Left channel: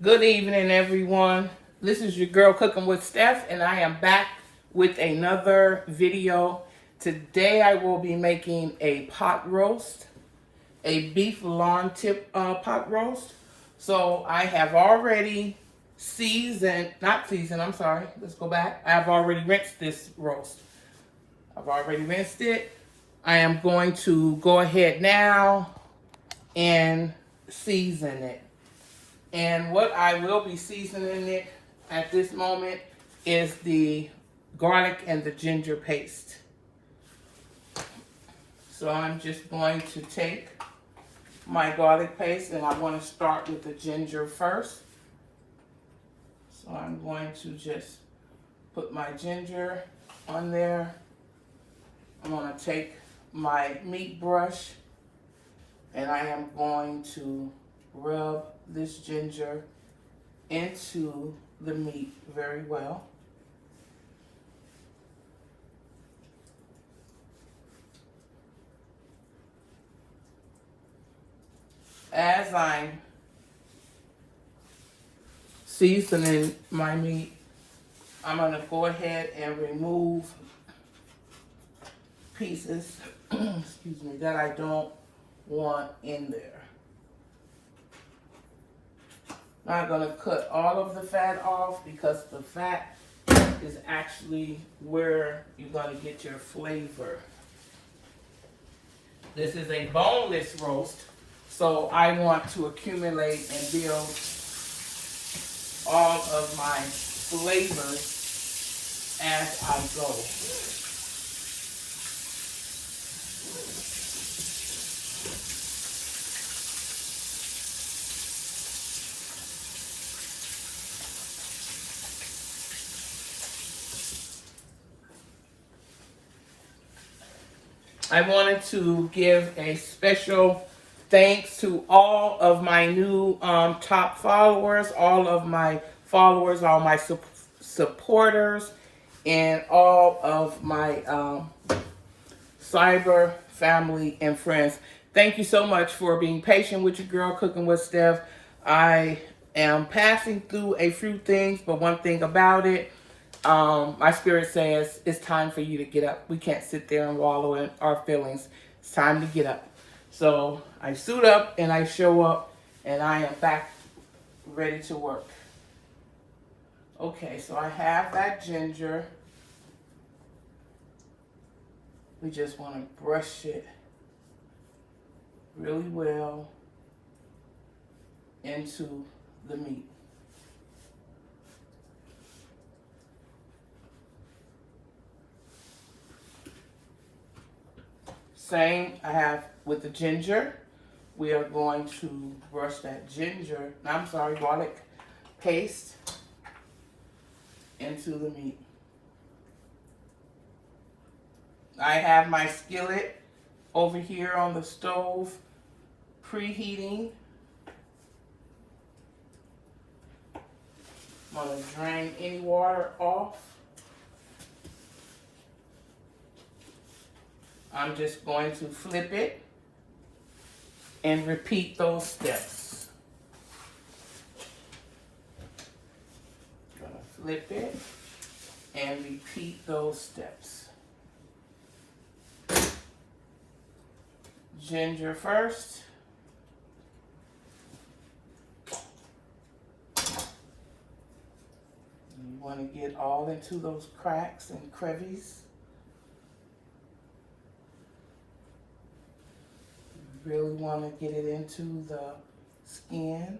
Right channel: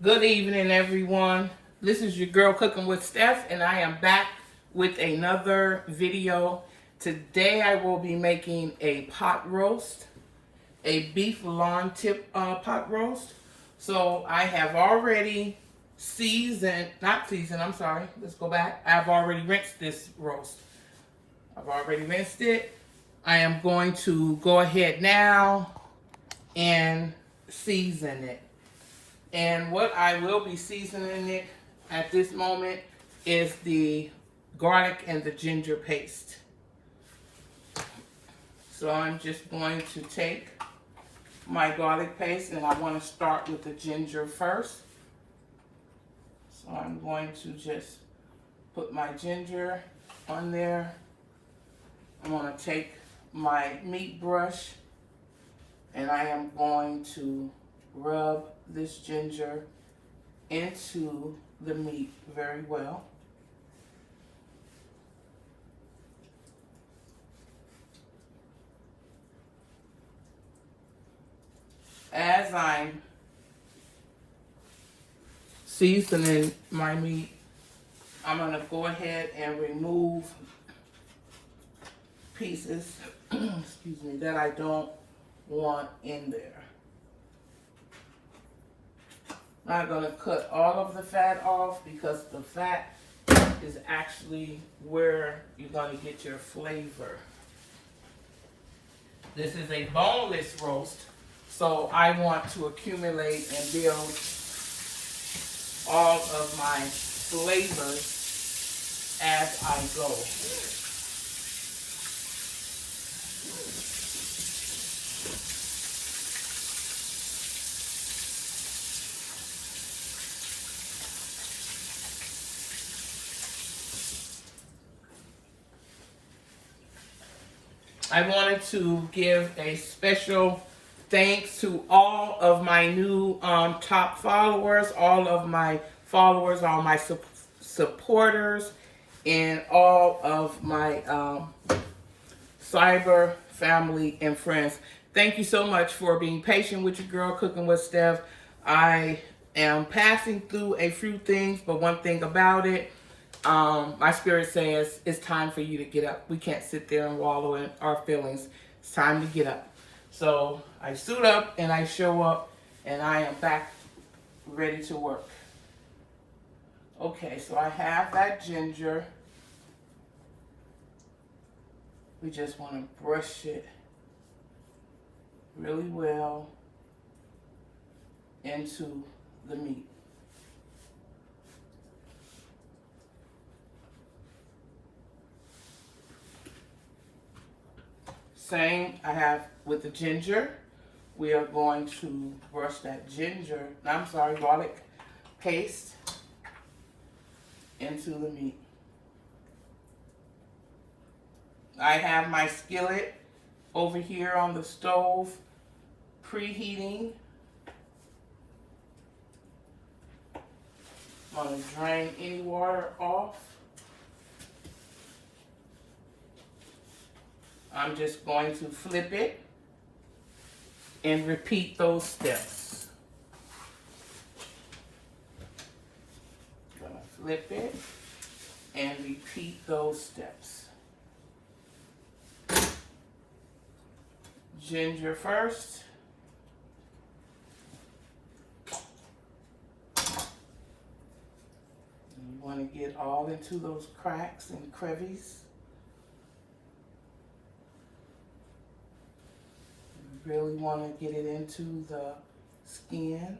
Good evening, everyone. This is your girl Cooking with Steph, and I am back with another video. Today, I will be making a pot roast, a beef lawn tip pot roast. So I have already I'm sorry, let's go back. I've already rinsed this roast. I've already rinsed it. I am going to go ahead now and season it. And what I will be seasoning it at this moment is the garlic and the ginger paste. So I'm just going to take my garlic paste, and I want to start with the ginger first. So I'm going to just put my ginger on there. I'm going to take my meat brush, and I am going to rub this ginger into the meat very well. As I'm seasoning my meat, I'm going to go ahead and remove pieces excuse me, that I don't want in there. Not going to cut all of the fat off, because the fat is actually where you're going to get your flavor. This is a boneless roast, so I want to accumulate and build all of my flavors as I go. I wanted to give a special thanks to all of my new top followers, all of my followers, all my supporters, and all of my cyber family and friends. Thank you so much for being patient with your girl Cooking with Steph. I am passing through a few things, but one thing about it, my spirit says it's time for you to get up. We can't sit there and wallow in our feelings. It's time to get up. So I suit up and I show up, and I am back ready to work. Okay, so I have that ginger. We just want to brush it really well into the meat. Same I have with the ginger. We are going to brush that garlic paste into the meat. I have my skillet over here on the stove preheating. I'm going to drain any water off. I'm just going to flip it and repeat those steps. I'm going to flip it and repeat those steps. Ginger first. You want to get all into those cracks and crevices. You really want to get it into the skin.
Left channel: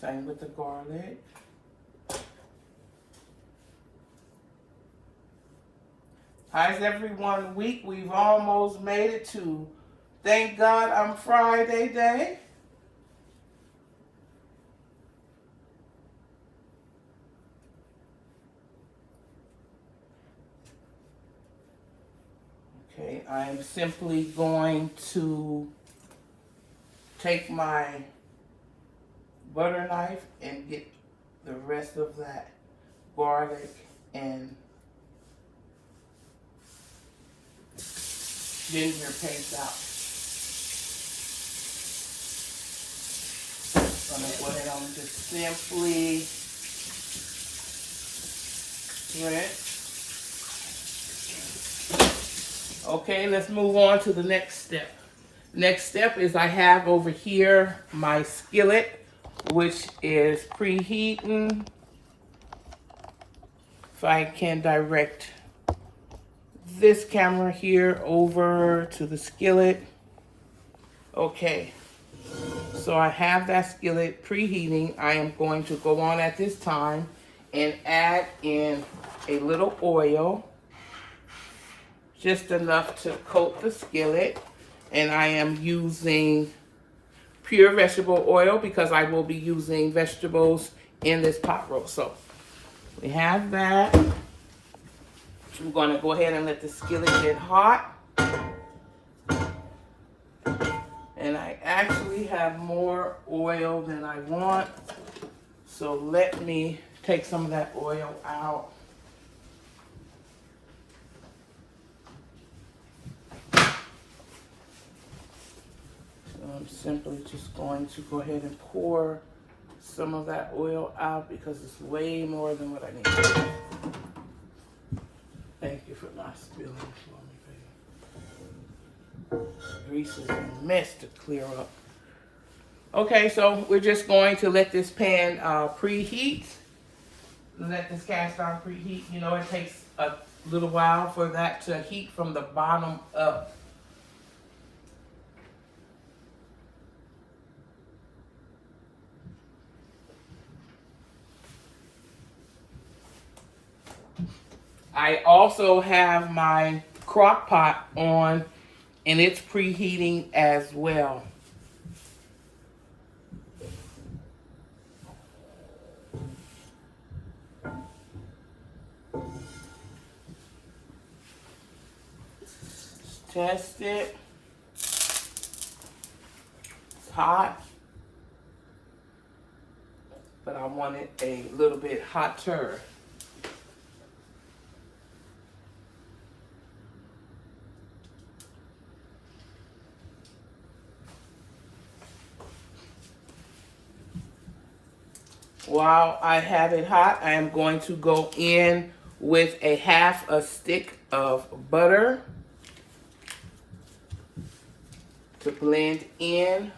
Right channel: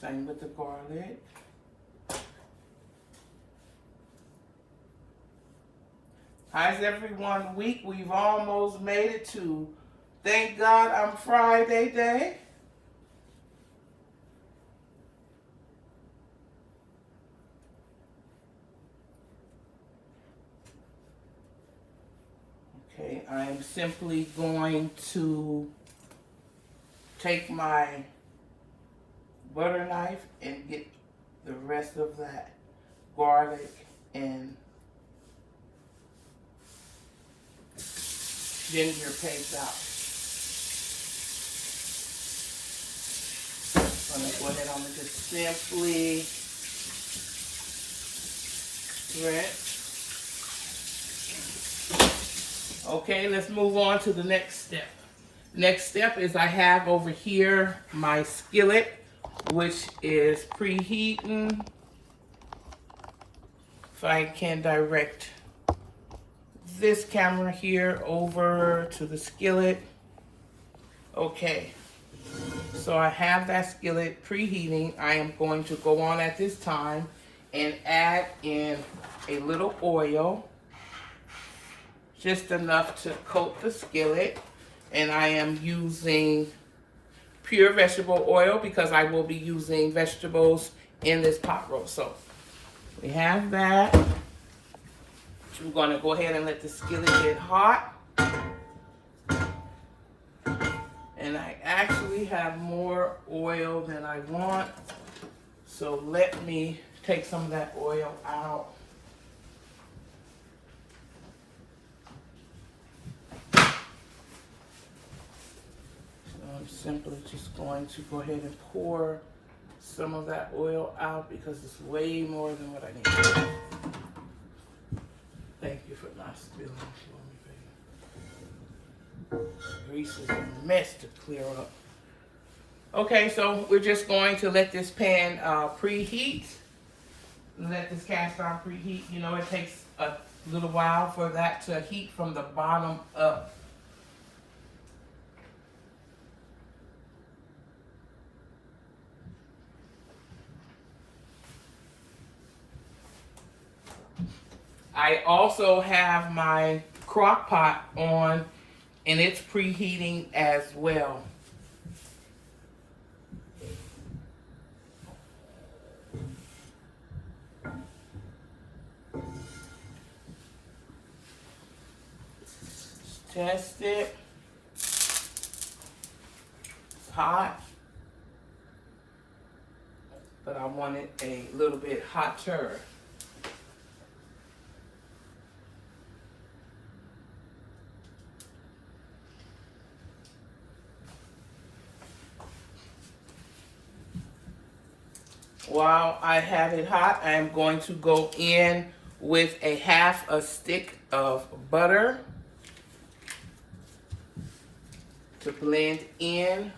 Same with the garlic. How's everyone week? We've almost made it to, thank God I'm Friday day. Okay, I'm simply going to take my butter knife and get the rest of that garlic and ginger paste out. So I'm going to go ahead and just simply rinse. Okay, let's move on to the next step. Next step is I have over here my skillet, which is preheating. If I can direct this camera here over to the skillet. Okay, so I have that skillet preheating. I am going to go on at this time and add in a little oil, just enough to coat the skillet. And I am using pure vegetable oil because I will be using vegetables in this pot roast. So we have that. I'm going to go ahead and let the skillet get hot. And I actually have more oil than I want. So let me take some of that oil out. I'm simply just going to go ahead and pour some of that oil out because it's way more than what I need. Thank you for not spilling for me, baby. Grease is a mess to clear up. Okay, so we're just going to let this pan preheat. Let this cast iron preheat. You know, it takes a little while for that to heat from the bottom up. I also have my crock pot on and it's preheating as well. Test it. It's hot, but I want it a little bit hotter. While I have it hot, I am going to go in with a half a stick of butter to blend in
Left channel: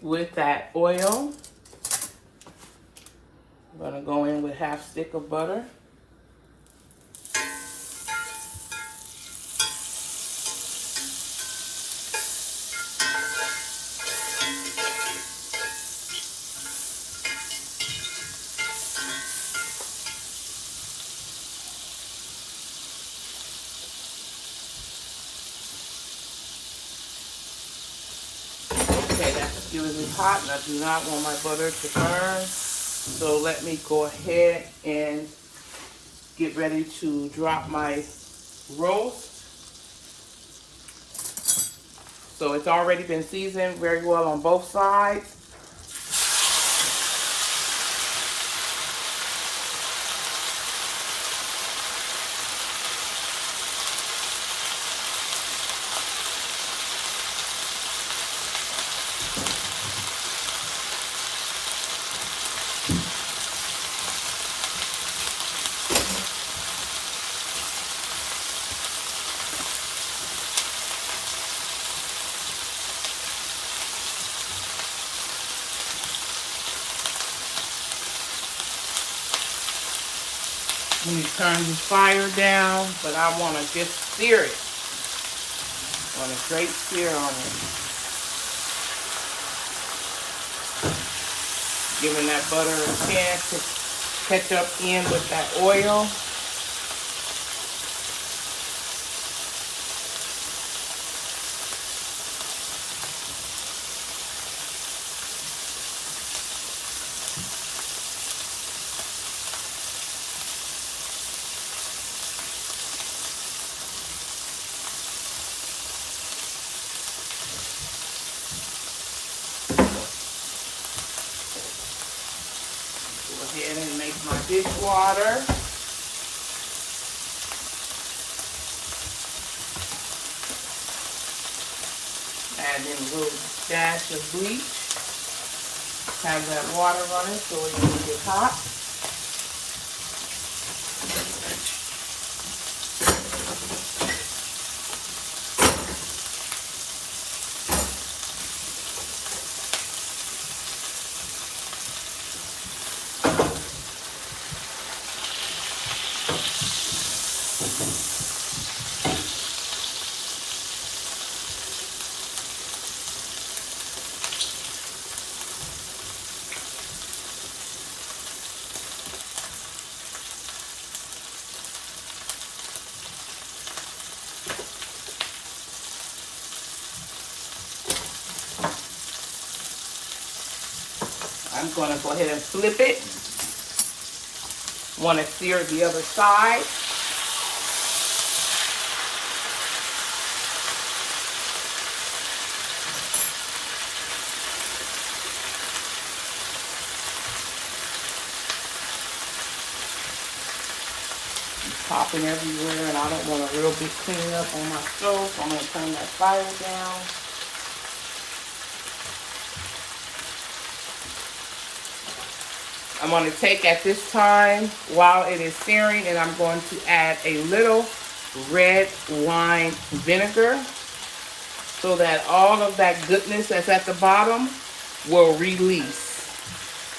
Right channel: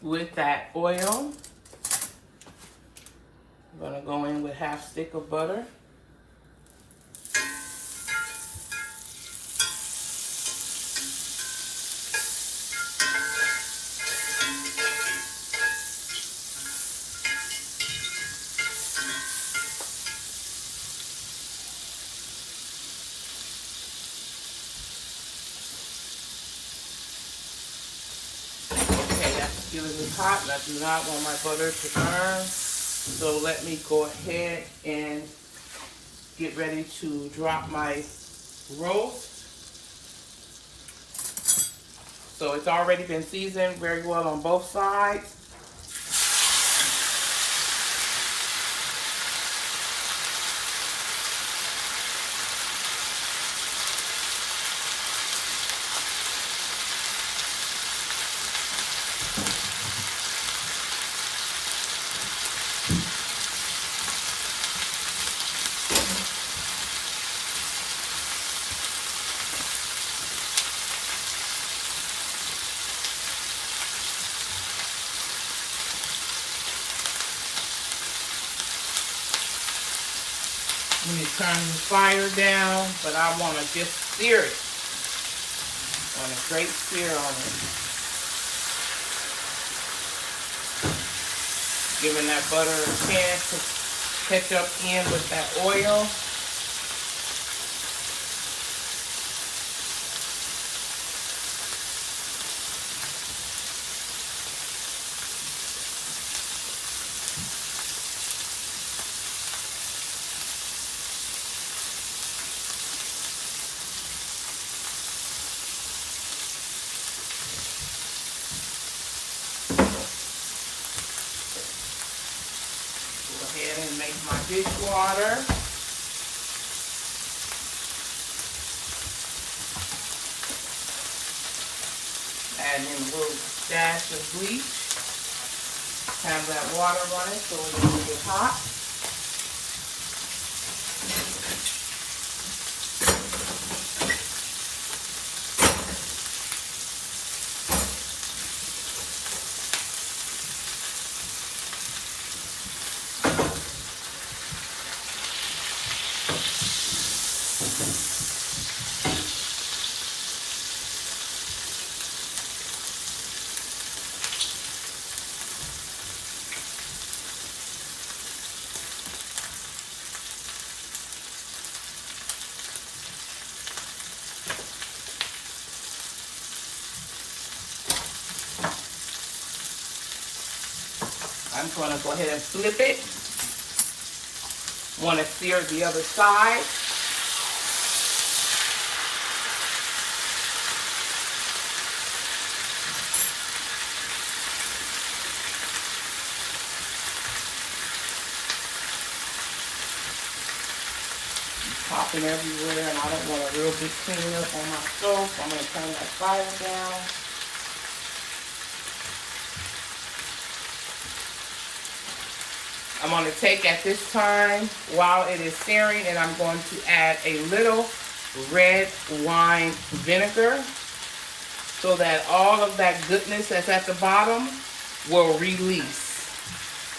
with that oil. I'm going to go in with half stick of butter. Okay, that skillet is hot and I do not want my butter to burn. So let me go ahead and get ready to drop my roast. So it's already been seasoned very well on both sides. When you turn your fire down, but I want to just sear it. Want a great sear on it. Giving that butter a chance to catch up in with that oil. add in a little dash of bleach. Have that water running so it will get hot. I'm going to go ahead and flip it. Want to sear the other side. Popping everywhere, and I don't want a real big cleanup on my stove, so I'm going to turn that fire down. I'm going to take at this time while it is searing, and I'm going to add a little red wine vinegar so that all of that goodness that's at the bottom will release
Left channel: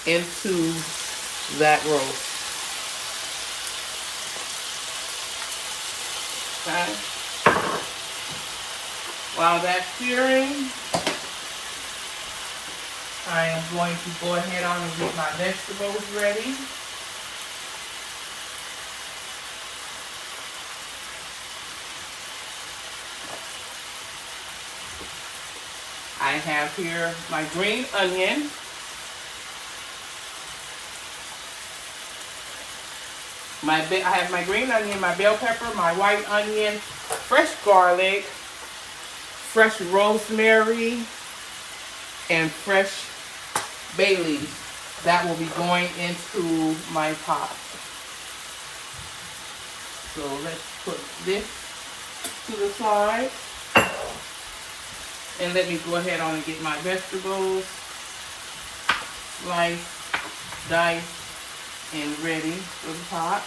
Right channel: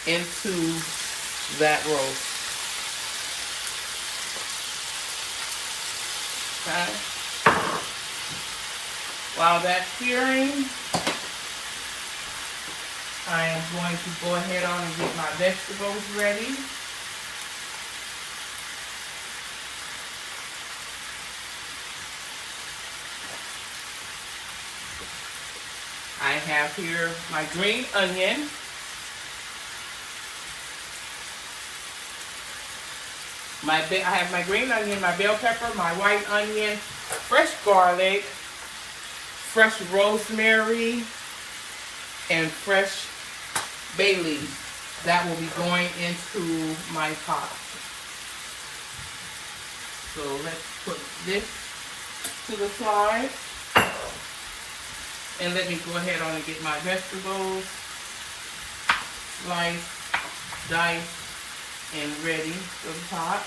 into that roast. Okay. While that's searing, I am going to go ahead on and get my vegetables ready. I have here my green onion. I have my green onion, my bell pepper, my white onion, fresh garlic, fresh rosemary, and fresh bay leaf. That will be going into my pot. So let's put this to the side. And let me go ahead on and get my vegetables sliced, diced, and ready for the pot.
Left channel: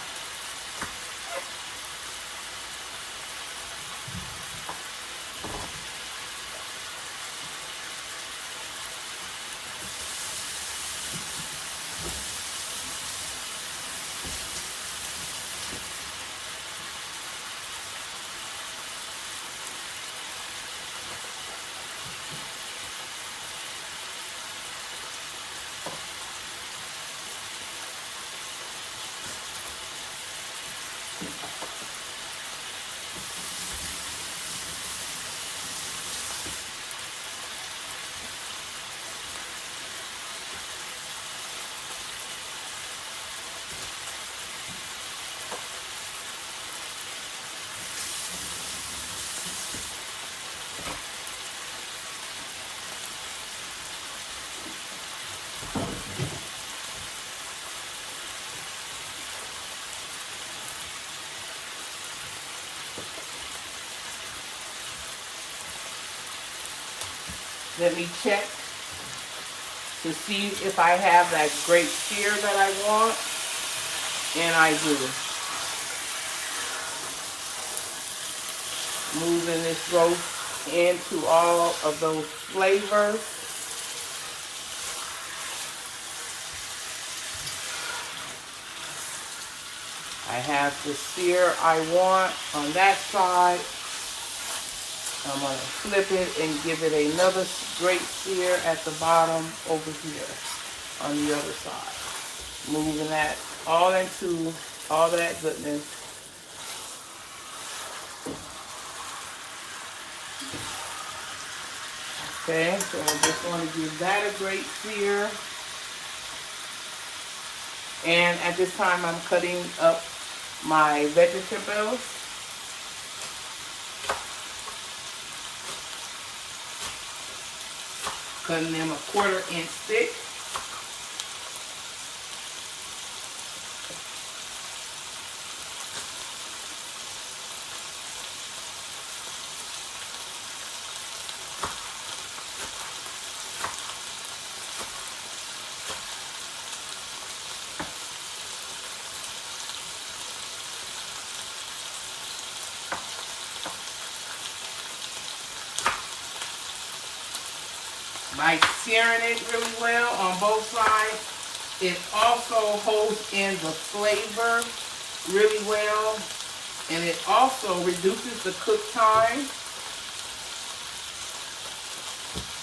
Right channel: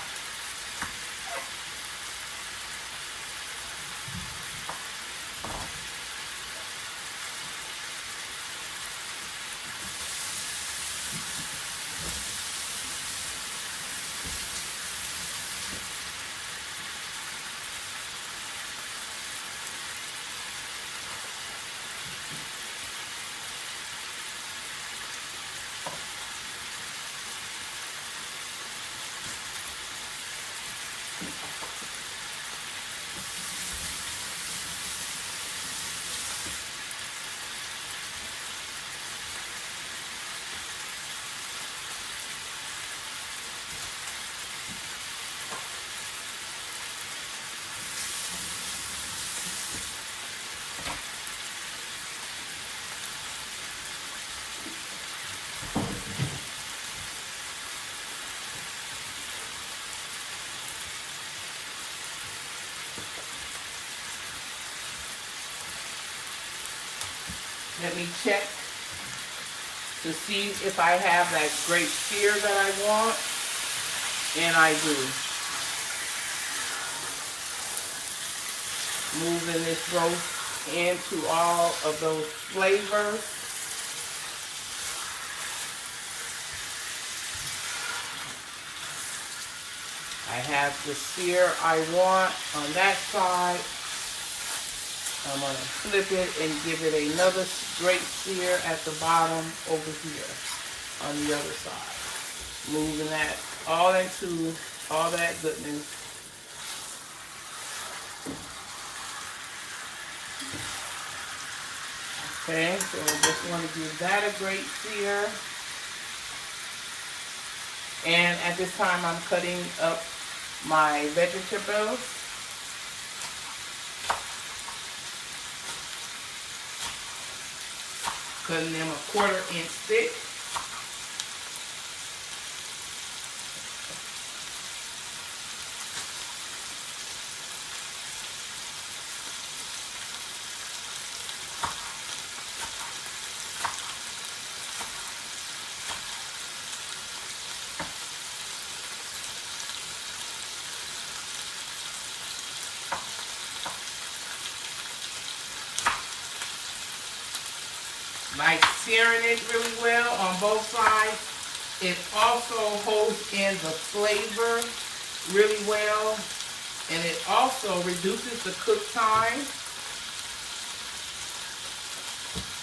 Let me check to see if I have that great sear that I want, and I do. Moving this roast into all of those flavors. I have the sear I want on that side. I'm going to flip it and give it another great sear at the bottom over here on the other side. Moving that all into all that goodness. Okay, so I just want to give that a great sear. And at this time I'm cutting up my vegetables. Cutting them a 1/4 inch thick. by searing it really well on both sides. It also holds in the flavor really well, and it also reduces the cook time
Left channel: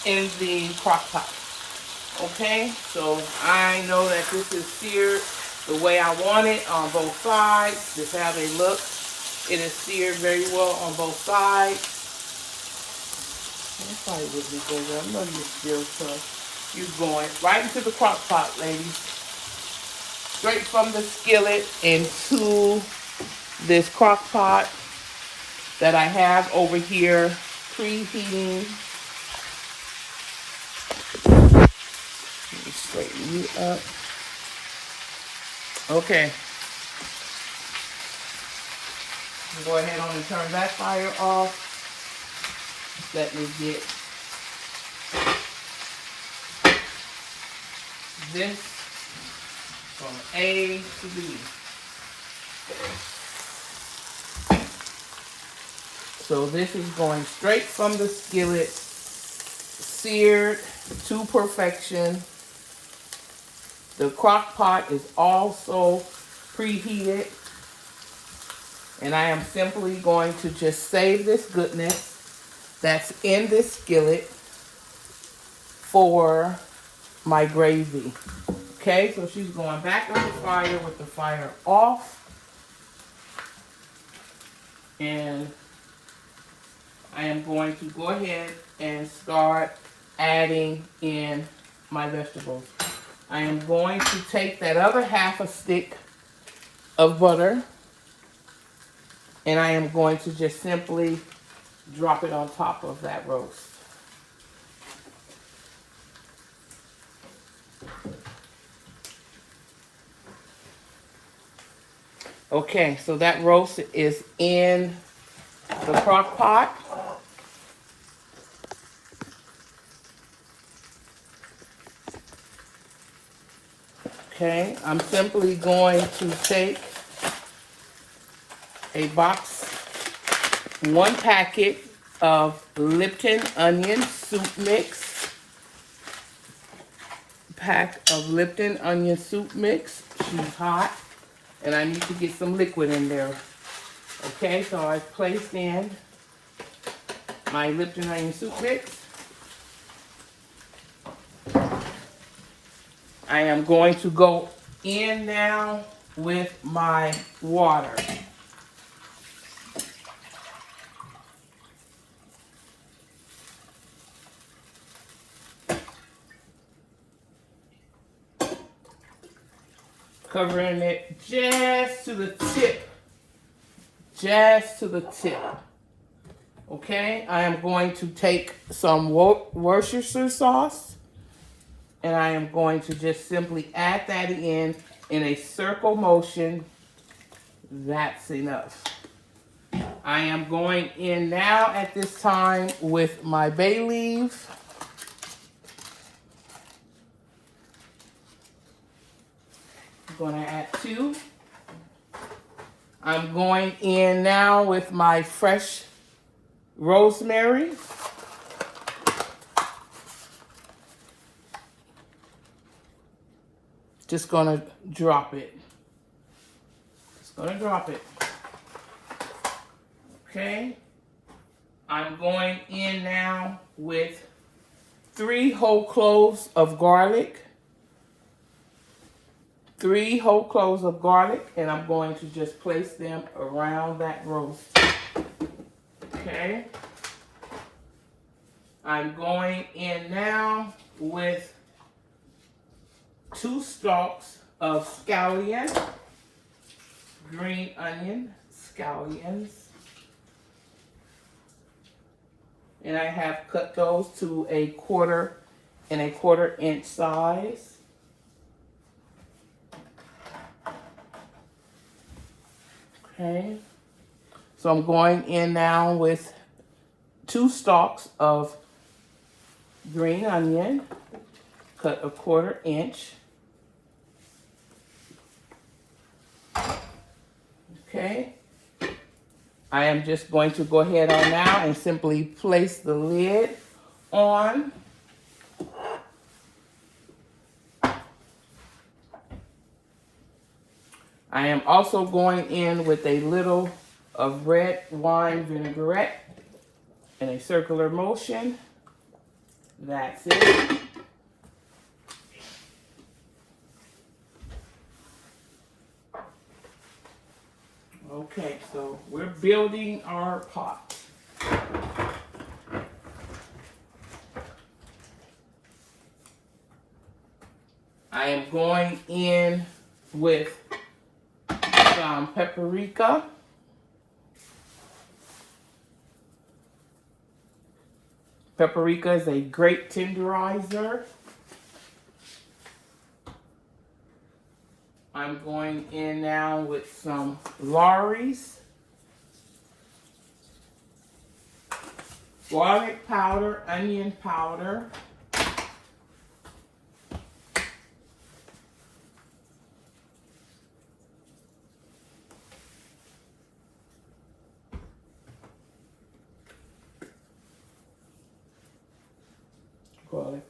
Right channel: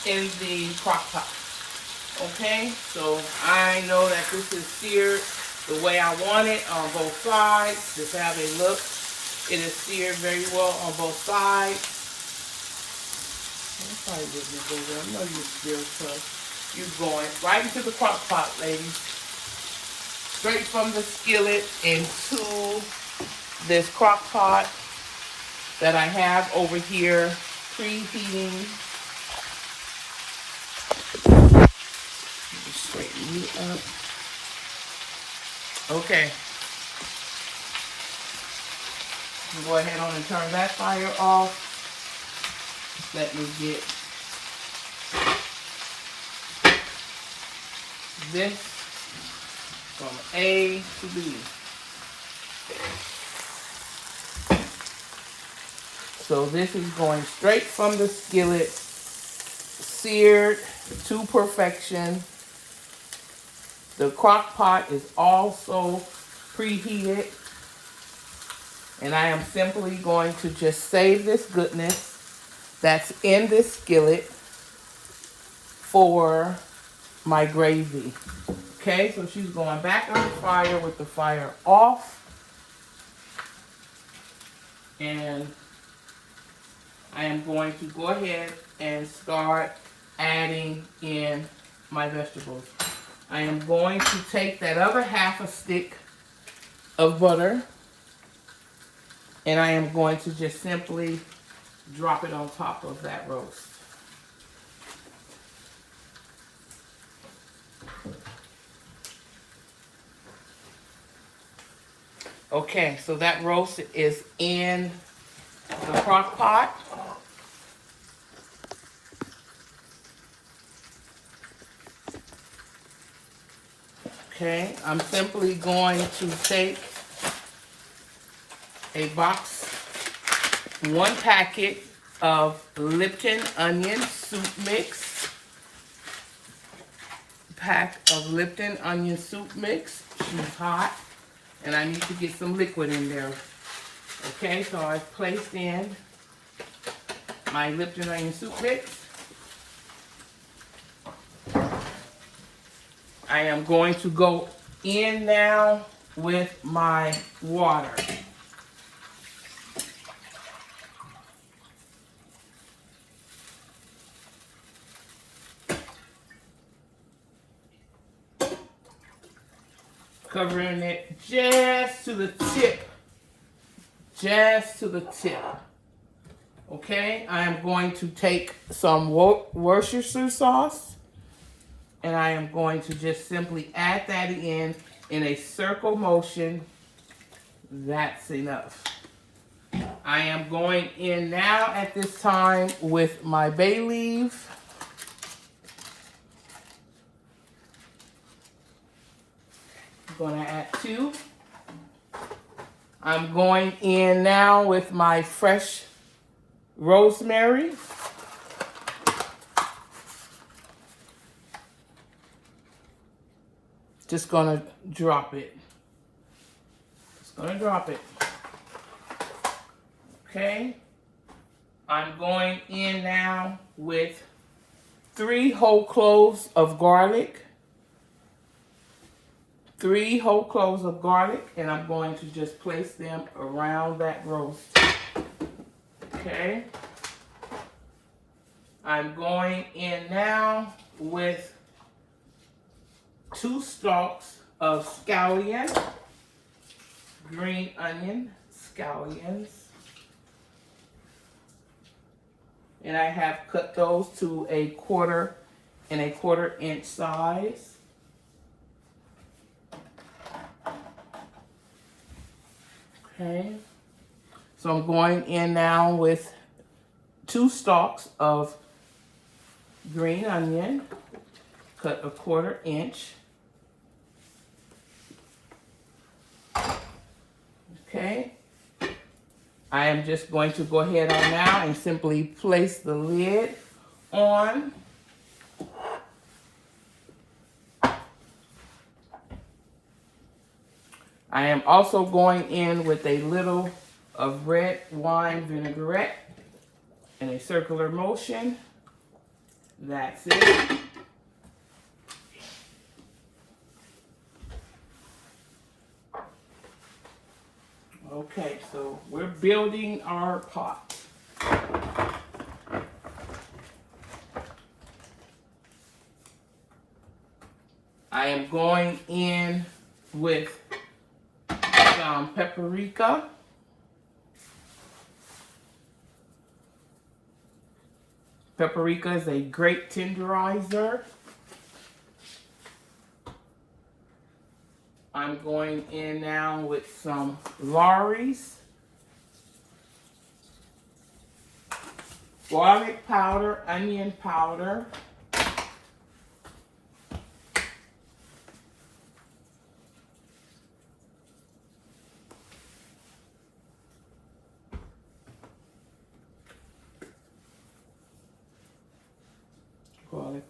in the crock pot. Okay, so I know that this is seared the way I want it on both sides. Just have a look. It is seared very well on both sides. That's how it is, baby. I know you're still tough. You're going right into the crock pot, ladies. Straight from the skillet into this crock pot that I have over here preheating. Let me straighten you up. Okay. Go ahead on and turn that fire off. Let me get this from A to B. So this is going straight from the skillet, seared to perfection. The crock pot is also preheated. And I am simply going to just save this goodness that's in this skillet for my gravy. Okay, so she's going back on the fire with the fire off. And I am going to go ahead and start adding in my vegetables. I am going to take that other half a stick of butter, and I am going to just simply drop it on top of that roast. Okay, so that roast is in the crock pot. Okay, I'm simply going to take a box, one packet of Lipton onion soup mix. Pack of Lipton onion soup mix. She's hot, and I need to get some liquid in there. Okay, so I've placed in my Lipton onion soup mix. I am going to go in now with my water. Covering it just to the tip. Just to the tip. Okay, I am going to take some Worcestershire sauce, and I am going to just simply add that in a circle motion. That's enough. I am going in now at this time with my bay leaf. I'm going to add 2. I'm going in now with my fresh rosemary. Just gonna drop it. Just gonna drop it. Okay. I'm going in now with 3 whole cloves of garlic. 3 whole cloves of garlic, and I'm going to just place them around that roast. Okay. I'm going in now with 2 stalks of scallion, green onion scallions. And I have cut those to a 1/4 inch size. Okay. So I'm going in now with 2 stalks of green onion, cut a 1/4 inch. Okay. I am just going to go ahead on now and simply place the lid on. I am also going in with a little of red wine vinaigrette in a circular motion. That's it. Okay, so we're building our pot. I am going in with some paprika. Paprika is a great tenderizer. I'm going in now with some Lawry's garlic powder, onion powder,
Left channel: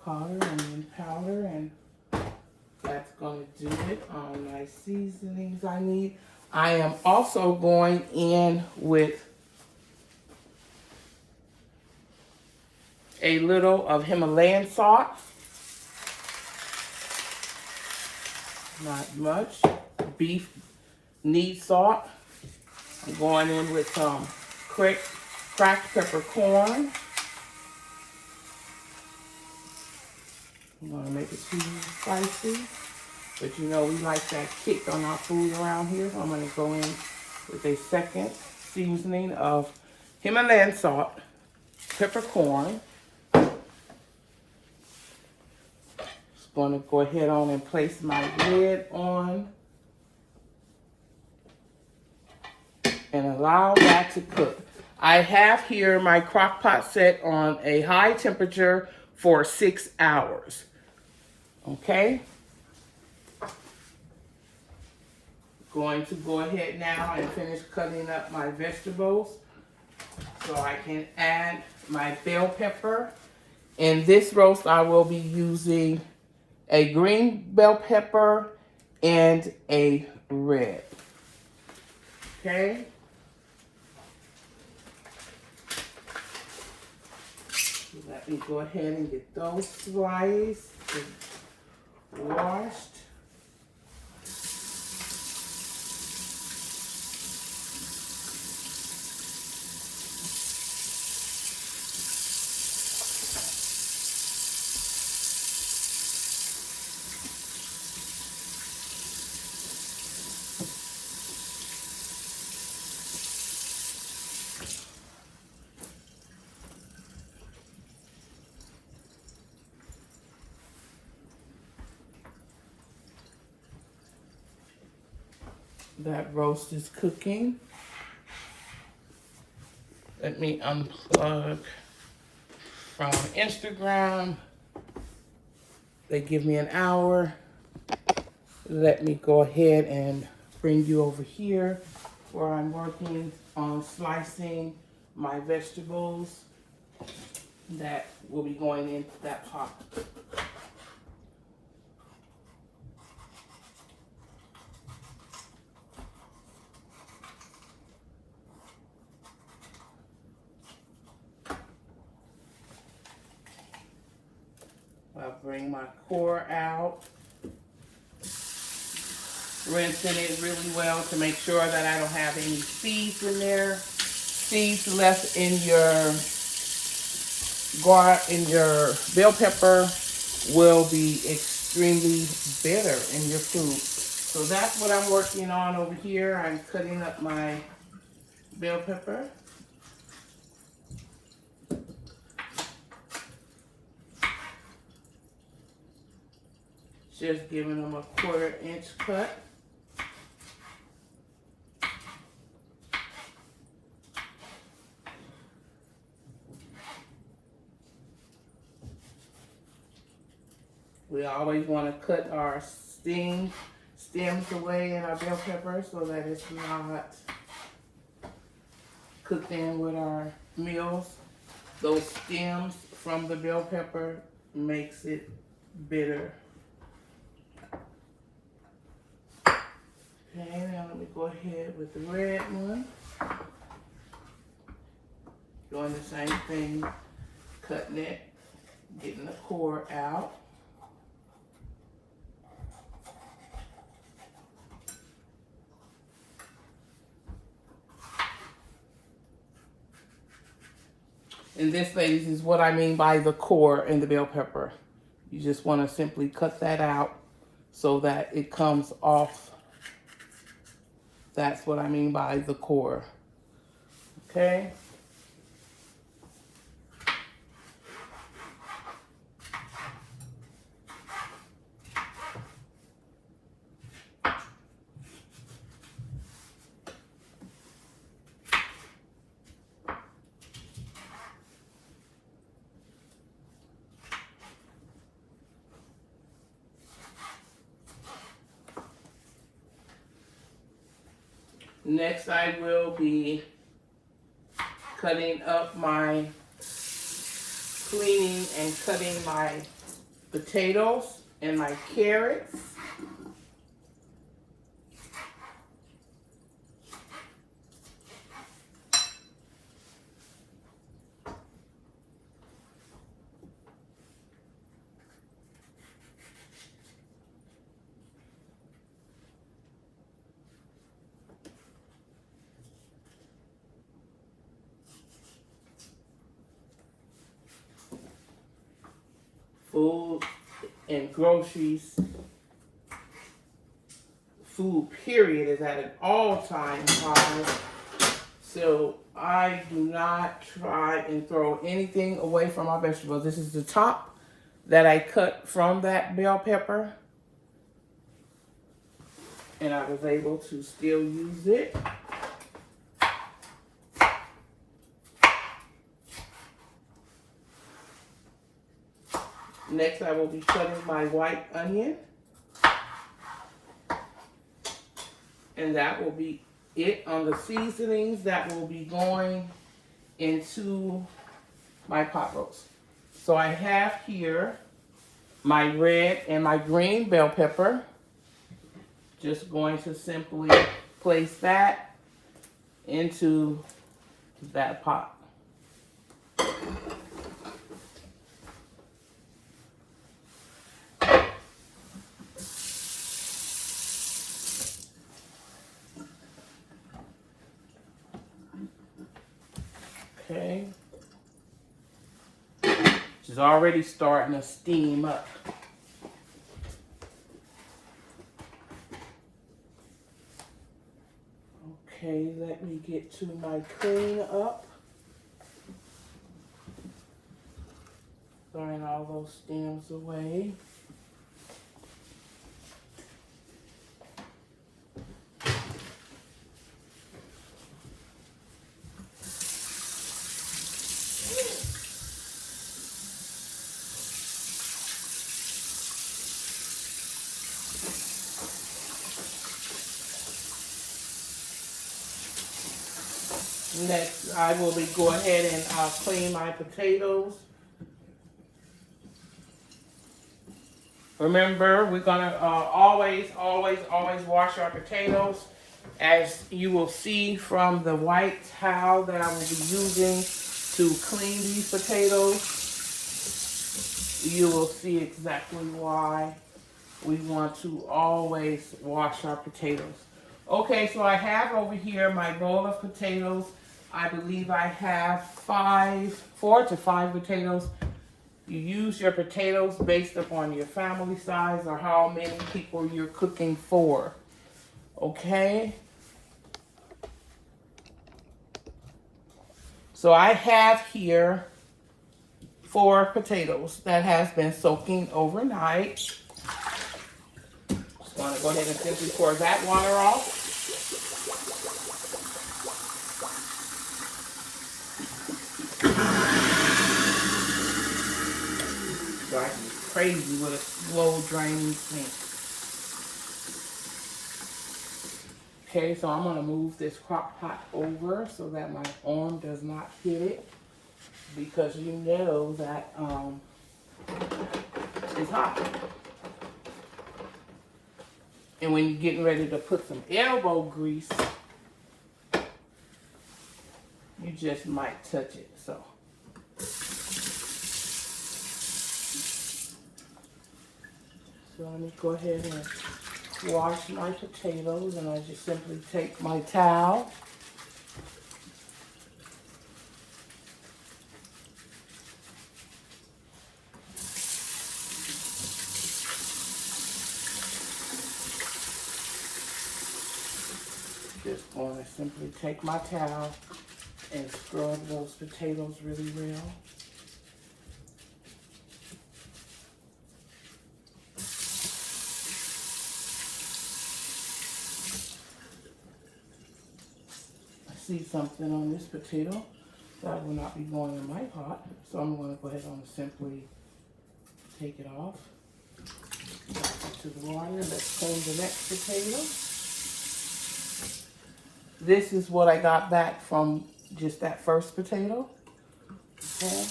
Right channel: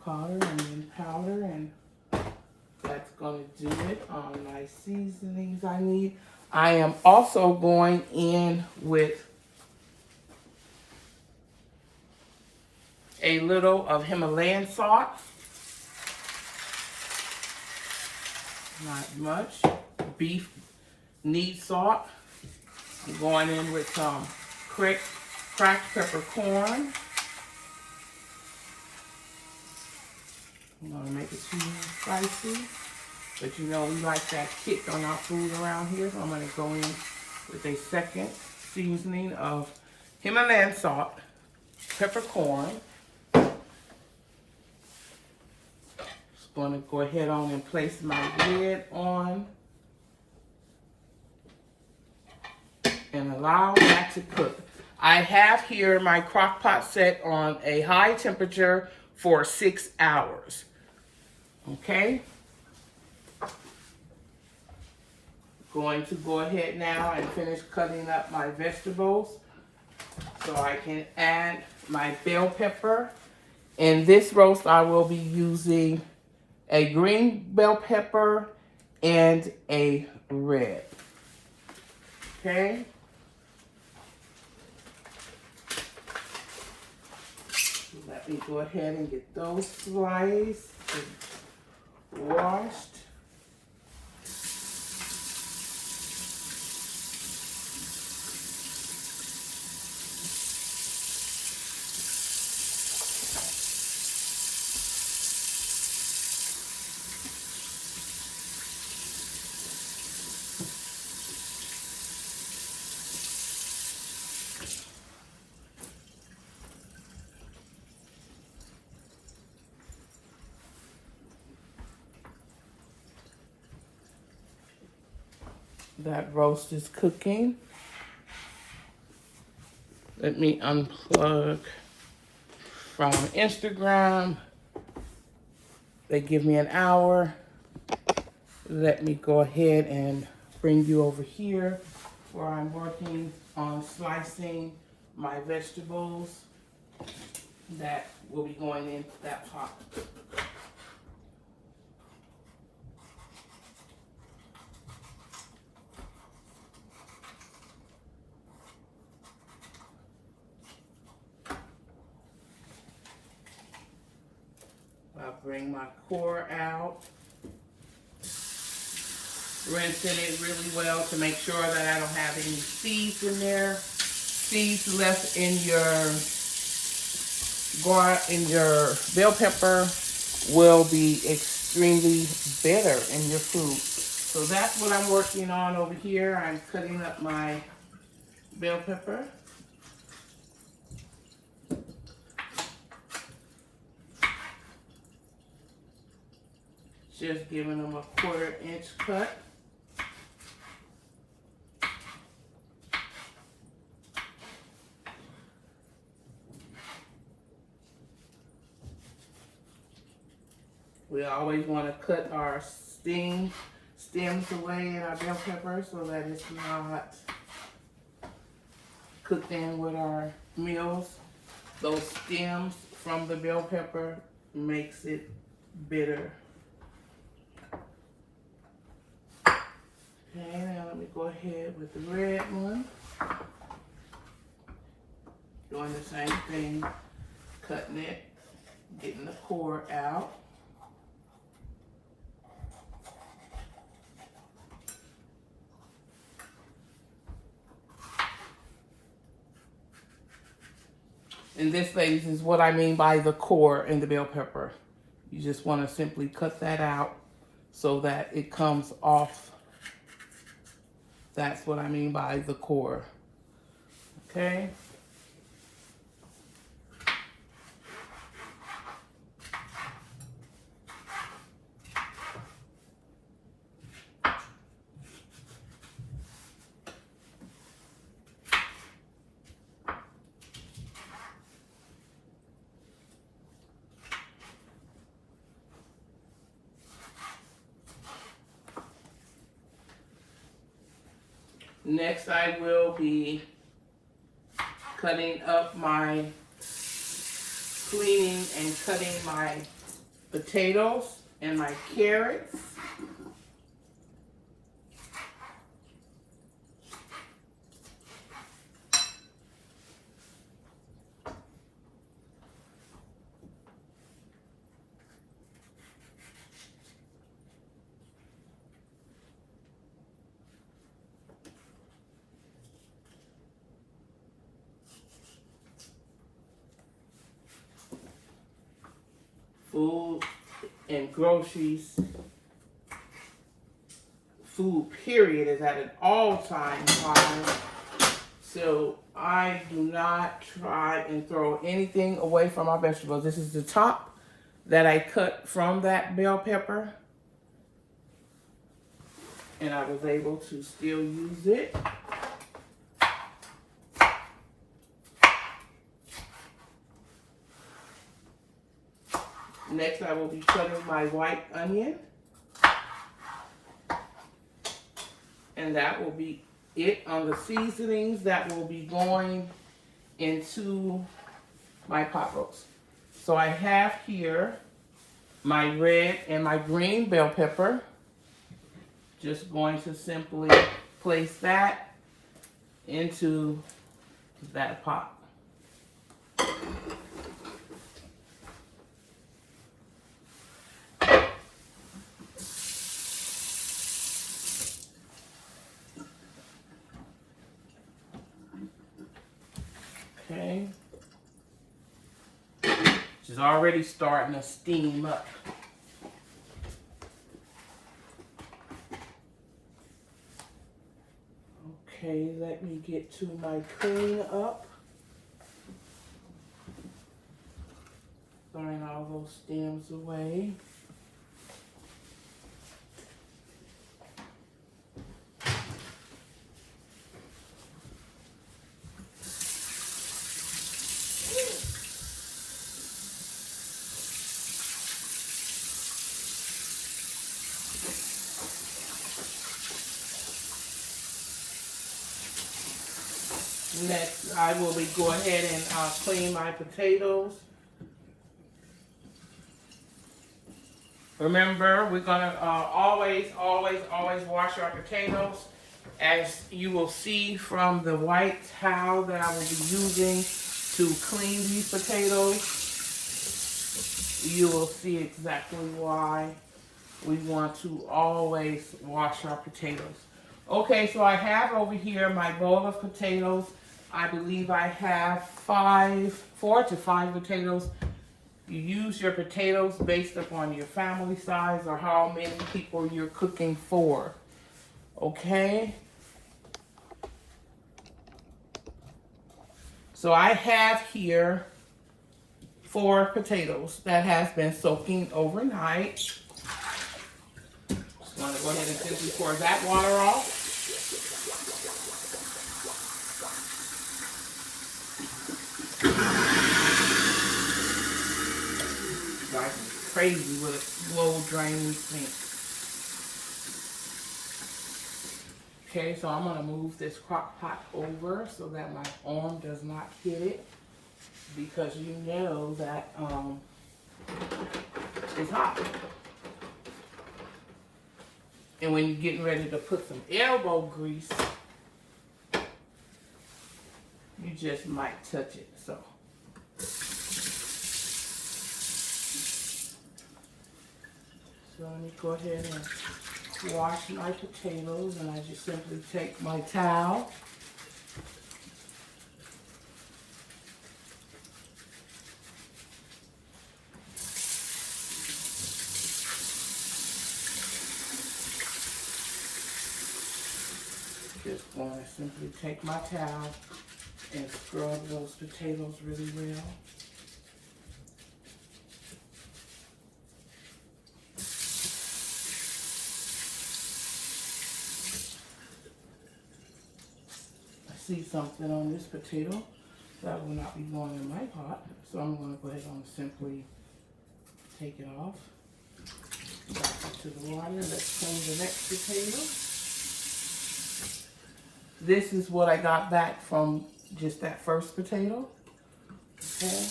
onion powder, and that's going to do it on my seasonings I need. I am also going in with a little of Himalayan salt. Not much. Beef needs salt. I'm going in with some cracked peppercorn. I'm going to make it too spicy. But you know we like that kick on our food around here. So I'm going to go in with a second seasoning of Himalayan salt, peppercorn. Just going to go ahead on and place my lid on and allow that to cook. I have here my crock pot set on a high temperature for 6 hours. Okay. Going to go ahead now and finish cutting up my vegetables so I can add my bell pepper. In this roast, I will be using a green bell pepper and a red. Okay. Let me go ahead and get those sliced and washed. That roast is cooking. Let me unplug from Instagram. They give me an hour. Let me go ahead and bring you over here where I'm working on slicing my vegetables that will be going into that pot. I'll bring my core out, rinsing it really well to make sure that I don't have any seeds in there. Seeds left in your bell pepper will be extremely bitter in your food. So that's what I'm working on over here. I'm cutting up my bell pepper. Just giving them a 1/4 inch cut. We always want to cut our stems away in our bell pepper so that it's not cooked in with our meals. Those stems from the bell pepper makes it bitter. Okay, now let me go ahead with the red one. Doing the same thing, cutting it, getting the core out. And this, ladies, is what I mean by the core in the bell pepper. You just want to simply cut that out so that it comes off. That's what I mean by the core. Okay. Next, I will be cutting up my, cleaning and cutting my potatoes and my carrots. Food and groceries, food period is at an all-time high. So I do not try and throw anything away from my vegetables. This is the top that I cut from that bell pepper. And I was able to still use it. Next, I will be cutting my white onion. And that will be it on the seasonings that will be going into my pot roast. So I have here my red and my green bell pepper. Just going to simply place that into that pot. Okay. She's already starting to steam up. Okay, let me get to my clean up. Throwing all those stems away. Next, I will be go ahead and clean my potatoes. Remember, we're gonna always wash our potatoes. As you will see from the white towel that I will be using to clean these potatoes, you will see exactly why we want to always wash our potatoes. Okay, so I have over here my bowl of potatoes. I believe I have 4 to 5 potatoes. You use your potatoes based upon your family size or how many people you're cooking for. Okay? So I have here 4 potatoes that has been soaking overnight. Just gonna go ahead and simply pour that water off. Crazy with a slow draining sink. Okay, so I'm gonna move this crock pot over so that my arm does not hit it, because you know that it's hot. And when you're getting ready to put some elbow grease, you just might touch it. So let me go ahead and wash my potatoes, and I just simply take my towel just want to simply take my towel and scrub those potatoes really well. I see something on this potato that will not be going in my pot, so I'm going to go ahead and simply take it off. Back into the water. Let's clean the next potato. This is what I got back from just that first potato. Okay.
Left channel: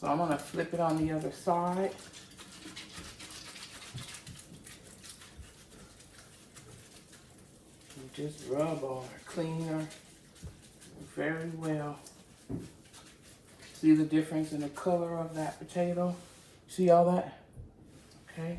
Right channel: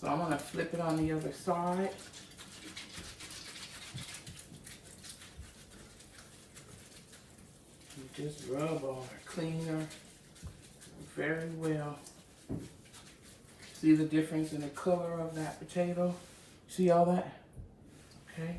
So I'm going to flip it on the other side. And just rub on her cleaner very well. See the difference in the color of that potato? See all that? Okay.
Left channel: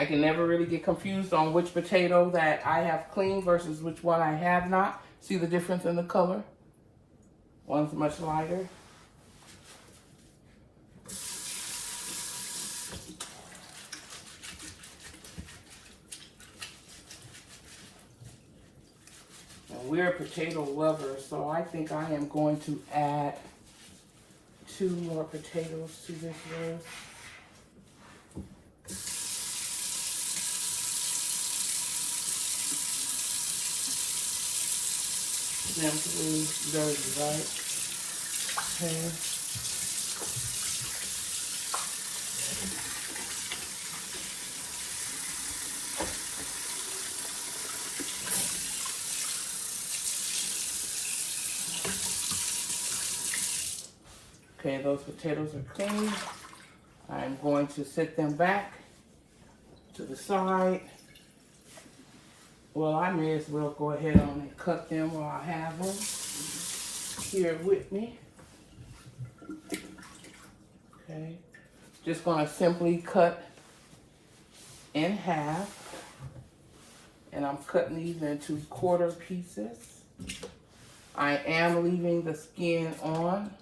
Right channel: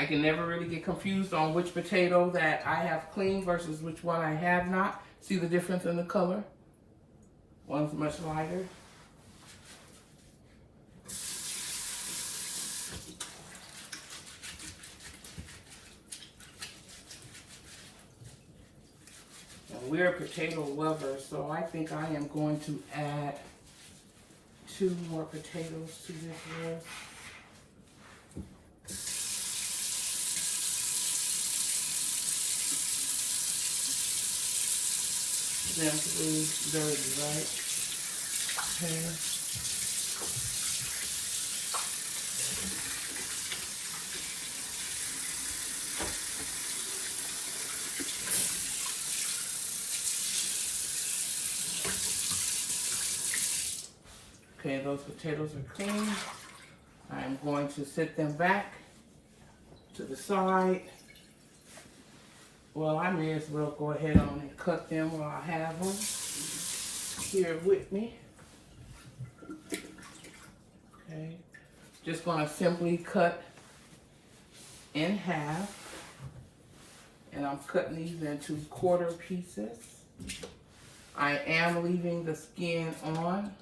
I can never really get confused on which potato that I have cleaned versus which one I have not. See the difference in the color? One's much lighter. And we're potato lovers, so I think I am going to add 2 more potatoes to this roast. Simply dirty, right? Okay. Okay, those potatoes are clean. I'm going to set them back to the side. Well, I may as well go ahead on and cut them while I have them here with me. Okay, just going to simply cut in half, and I'm cutting these into quarter pieces. I am leaving the skin on.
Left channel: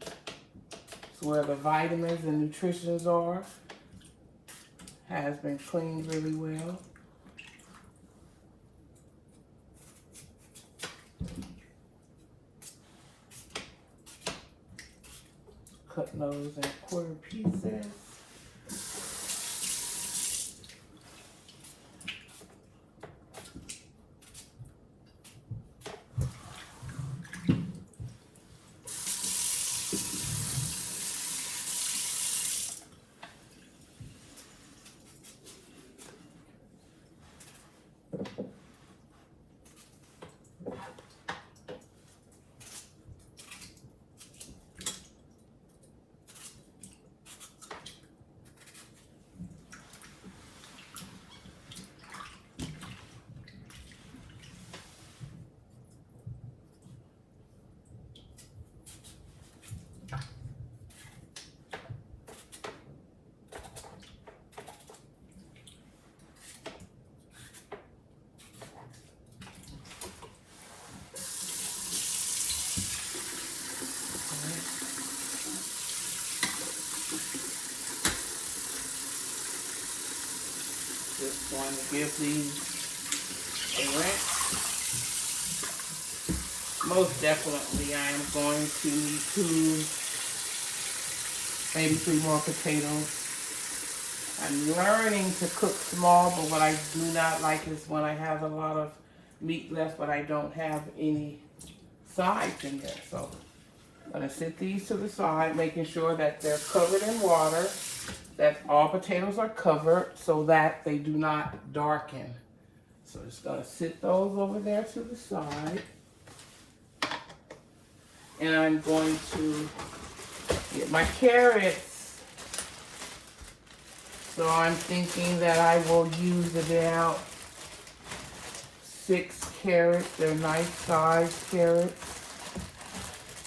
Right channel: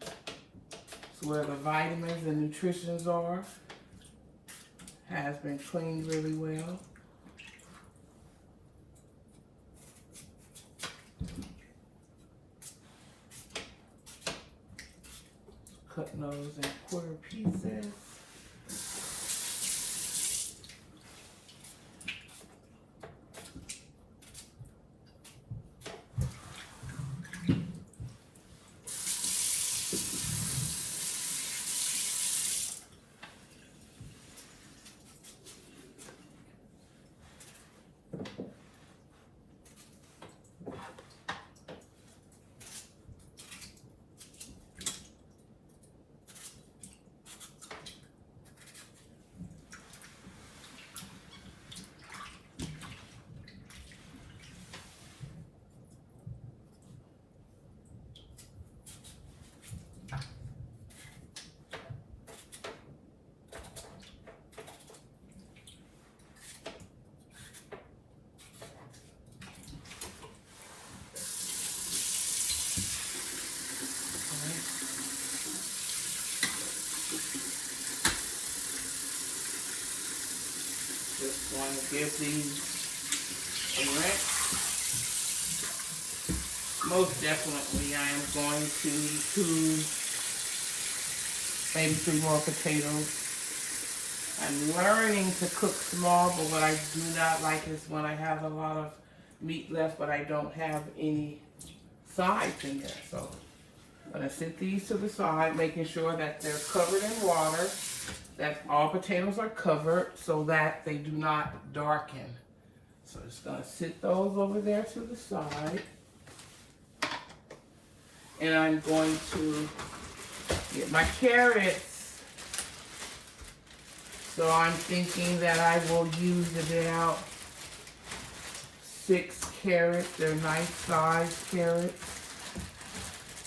It's where the vitamins and nutritions are. Has been cleaned really well. Cut those in quarter pieces. Just going to give these a rinse. Most definitely I am going to need 2, maybe 3 more potatoes. I'm learning to cook small, but what I do not like is when I have a lot of meat left, but I don't have any sides in there. So I'm going to sit these to the side, making sure that they're covered in water, that all potatoes are covered so that they do not darken. So just going to sit those over there to the side. And I'm going to get my carrots. So I'm thinking that I will use about 6 carrots. They're nice sized carrots.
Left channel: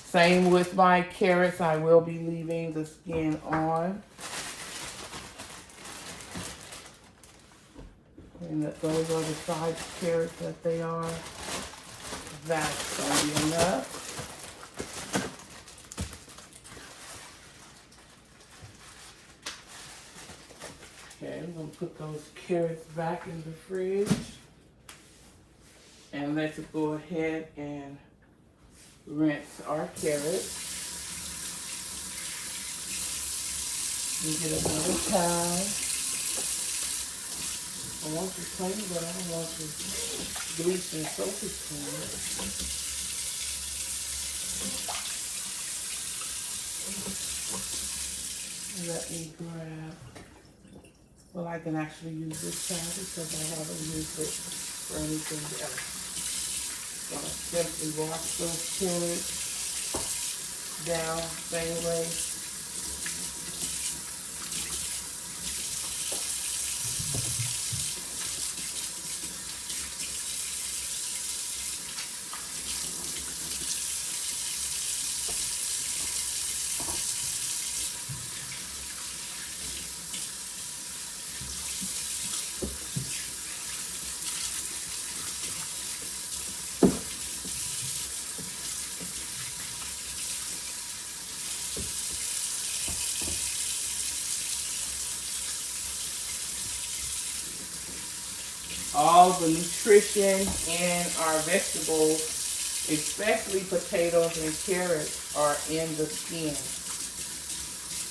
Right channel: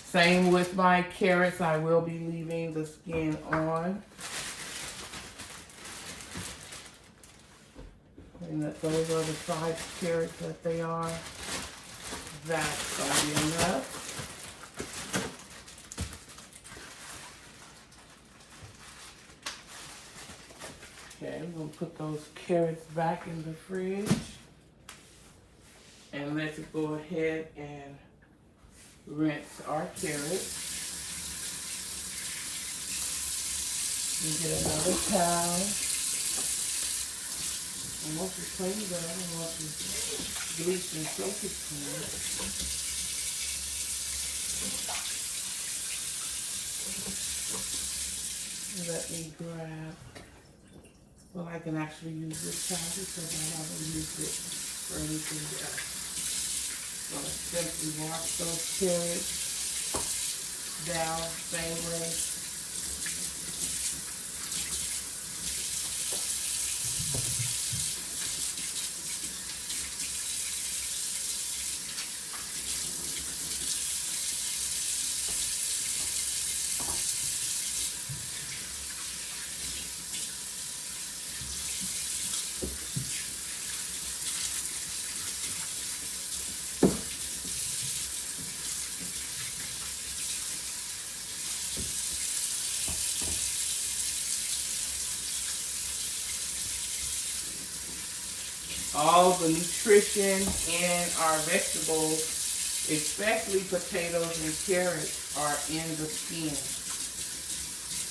Same with my carrots. I will be leaving the skin on. And that those are the size carrots that they are. That's going to be enough. Okay, we're going to put those carrots back in the fridge. And let's go ahead and rinse our carrots. You get another towel. I want you to clean it up. I want you to bleach and soak it clean. Let me grab. Well, I can actually use this towel because I haven't used it for anything else. So I'll simply wash those carrots down the same way. All the nutrition in our vegetables, especially potatoes and carrots, are in the skin.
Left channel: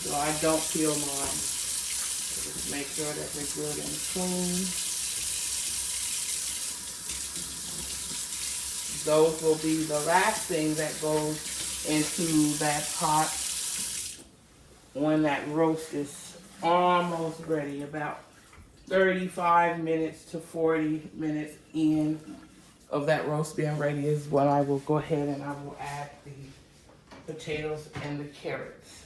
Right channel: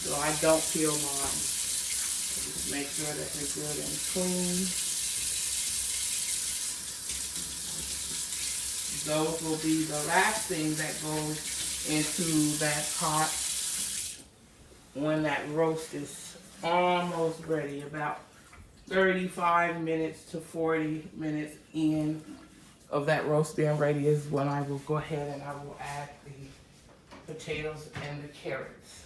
So I don't peel mine. Just make sure that they're good and clean. Those will be the last thing that goes into that pot when that roast is almost ready, about 35 minutes to 40 minutes in of that roast being ready is when I will go ahead and I will add the potatoes and the carrots.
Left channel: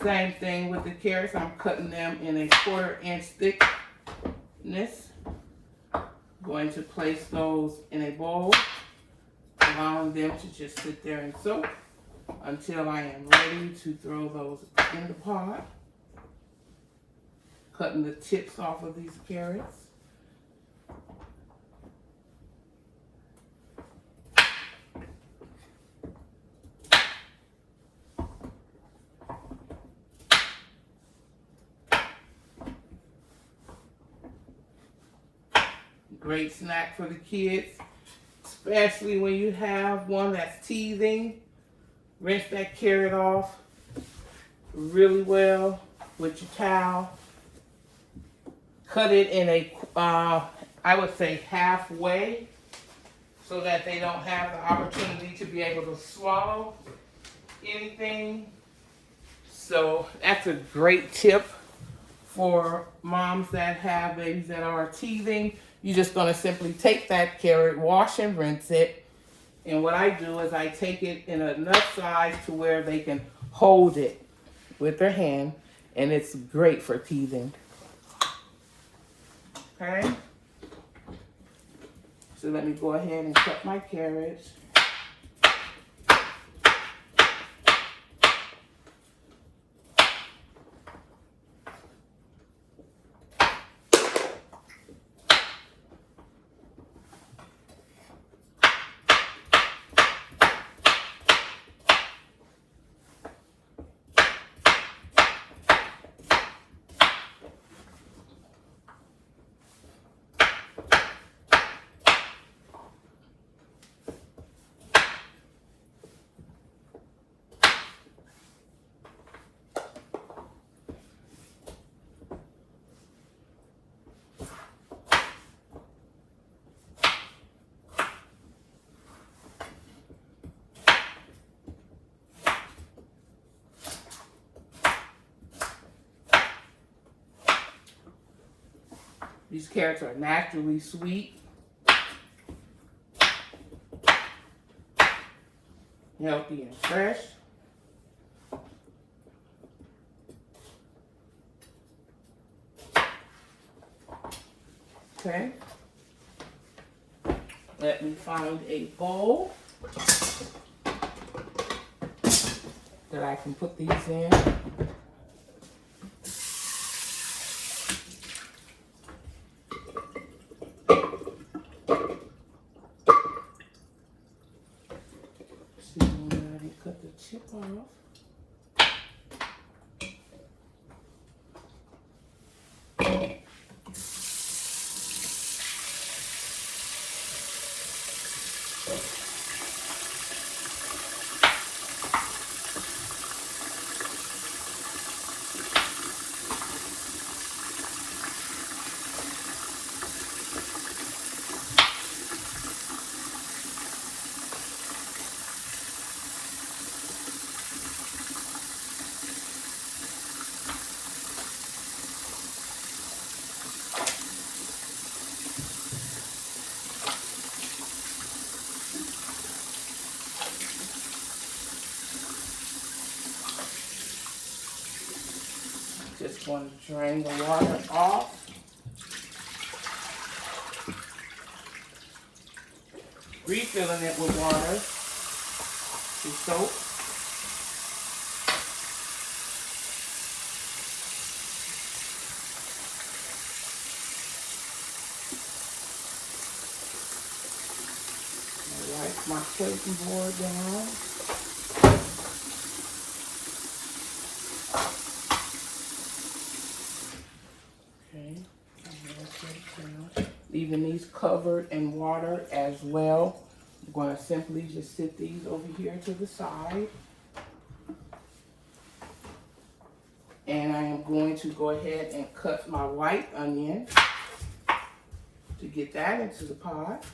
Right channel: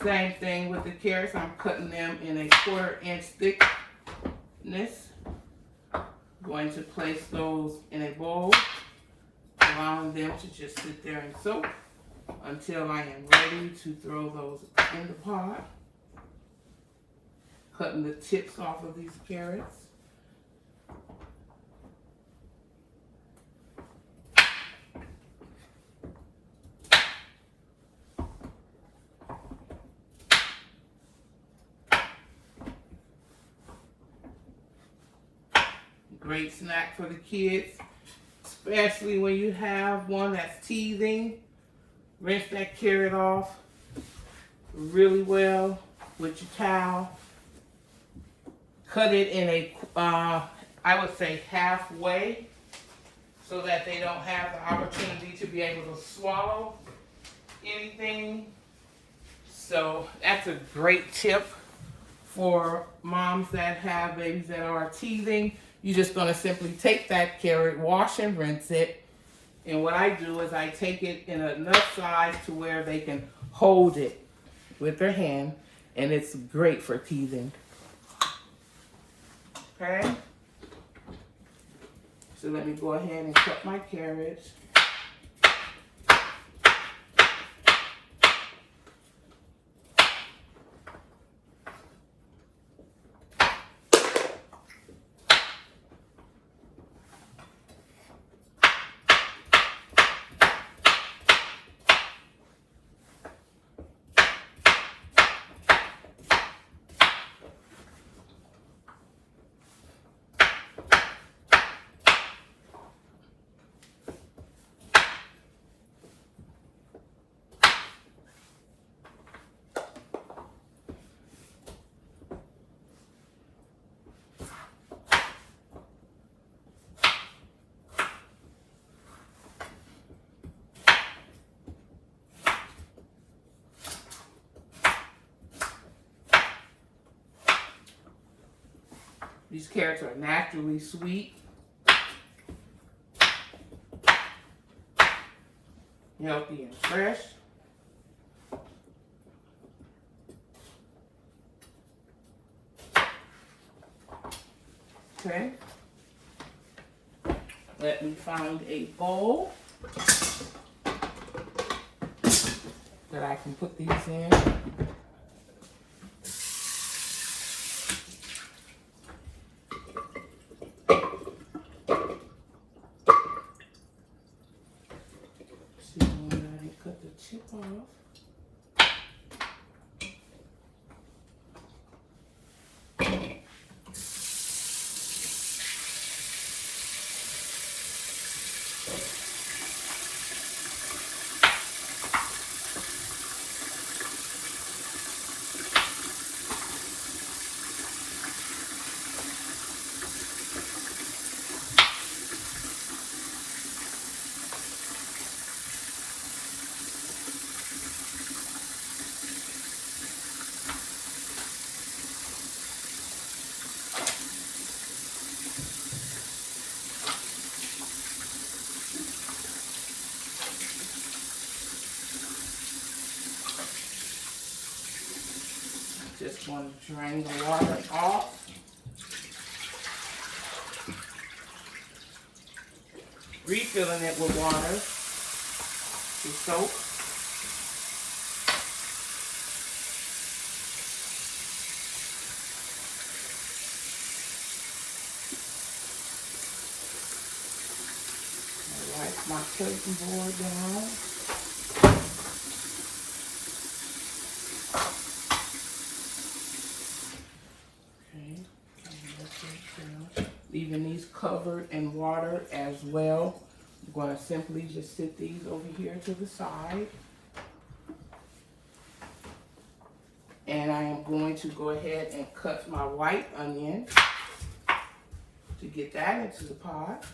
Same thing with the carrots. I'm cutting them in a 1/4 inch thickness. Going to place those in a bowl, allowing them to just sit there and soak until I am ready to throw those in the pot. Cutting the tips off of these carrots. Great snack for the kids, especially when you have one that's teething. Rinse that carrot off really well with your towel. Cut it in a, I would say halfway, so that they don't have the opportunity to be able to swallow anything. So that's a great tip for moms that have babies that are teething. You're just going to simply take that carrot, wash and rinse it. And what I do is I take it in enough size to where they can hold it with their hand. And it's great for teething. Okay? So let me go ahead and cut my carrots. These carrots are naturally sweet. Healthy and fresh. Okay. Let me find a bowl that I can put these in. See, I already cut the chip off. Just want to drain the water off. Refilling it with water to soak. I wipe my cutting board down. Leaving these covered in water as well. I'm going to simply just sit these over here to the side. And I am going to go ahead and cut my white onion to get that into the pot.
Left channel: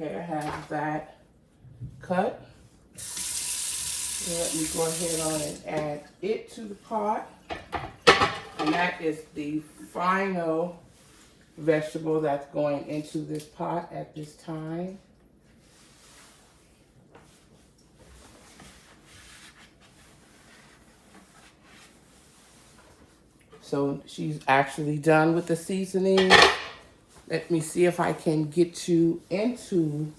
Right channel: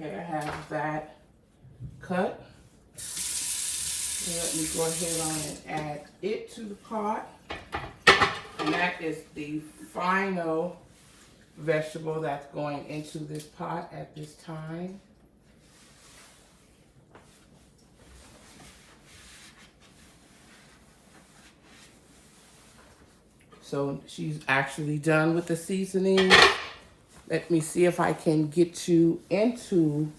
Okay, I have that cut. So let me go ahead on and add it to the pot. And that is the final vegetable that's going into this pot at this time. So she's actually done with the seasoning. Let me see if I can get you into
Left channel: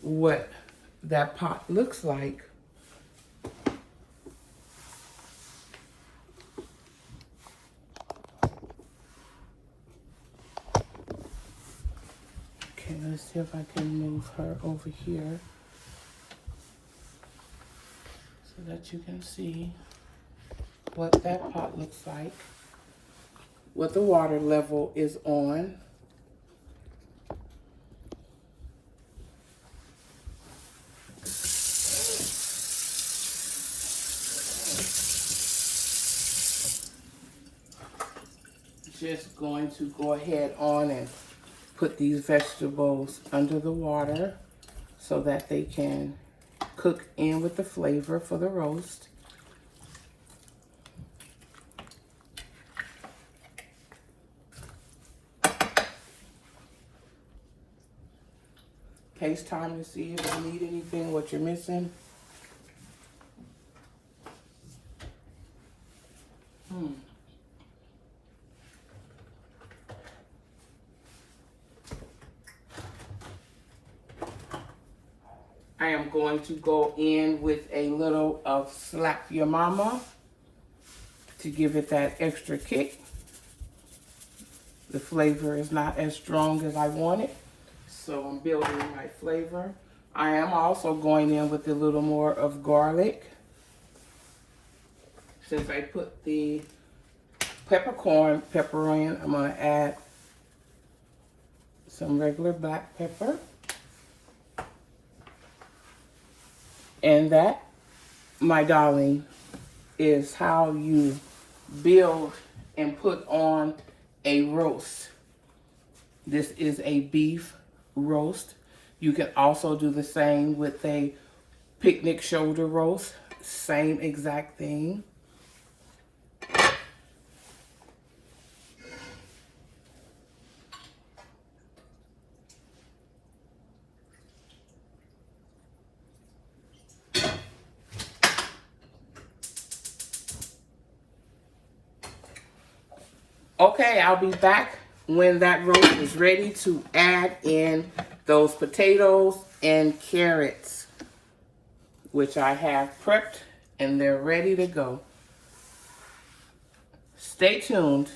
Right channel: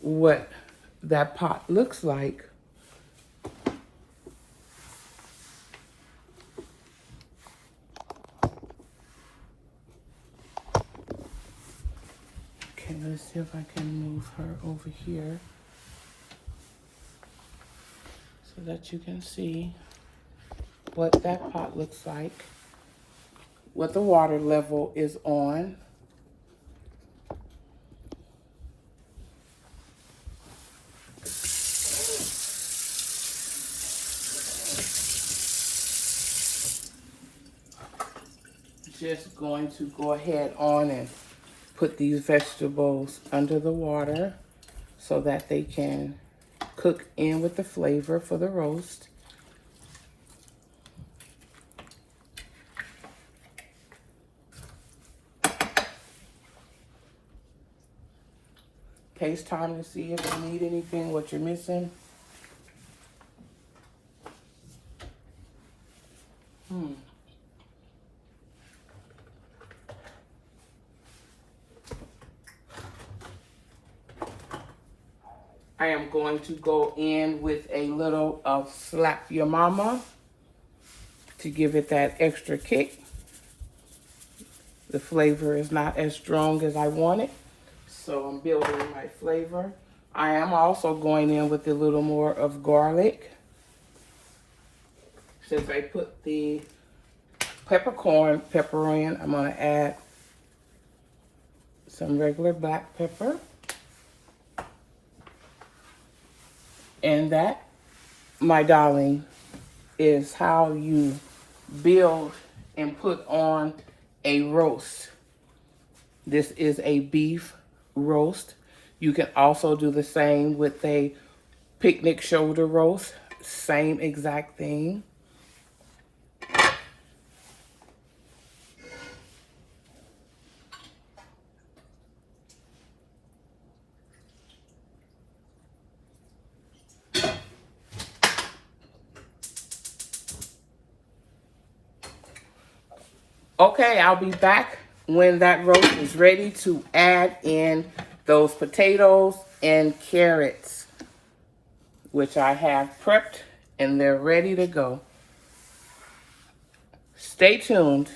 what that pot looks like. Okay, let's see if I can move her over here so that you can see what that pot looks like, what the water level is on. Just going to go ahead on and put these vegetables under the water so that they can cook in with the flavor for the roast. Taste time to see if you need anything, what you're missing. I am going to go in with a little of Slap Your Mama to give it that extra kick. The flavor is not as strong as I want it, so I'm building my flavor. I am also going in with a little more of garlic. Since I put the peppercorn pepper in. I'm going to add some regular black pepper. And that, my darling, is how you build and put on a roast. This is a beef roast. You can also do the same with a picnic shoulder roast. Same exact thing. Okay, I'll be back when that roast is ready to add in those potatoes and carrots, which I have prepped and they're ready to go. Stay tuned.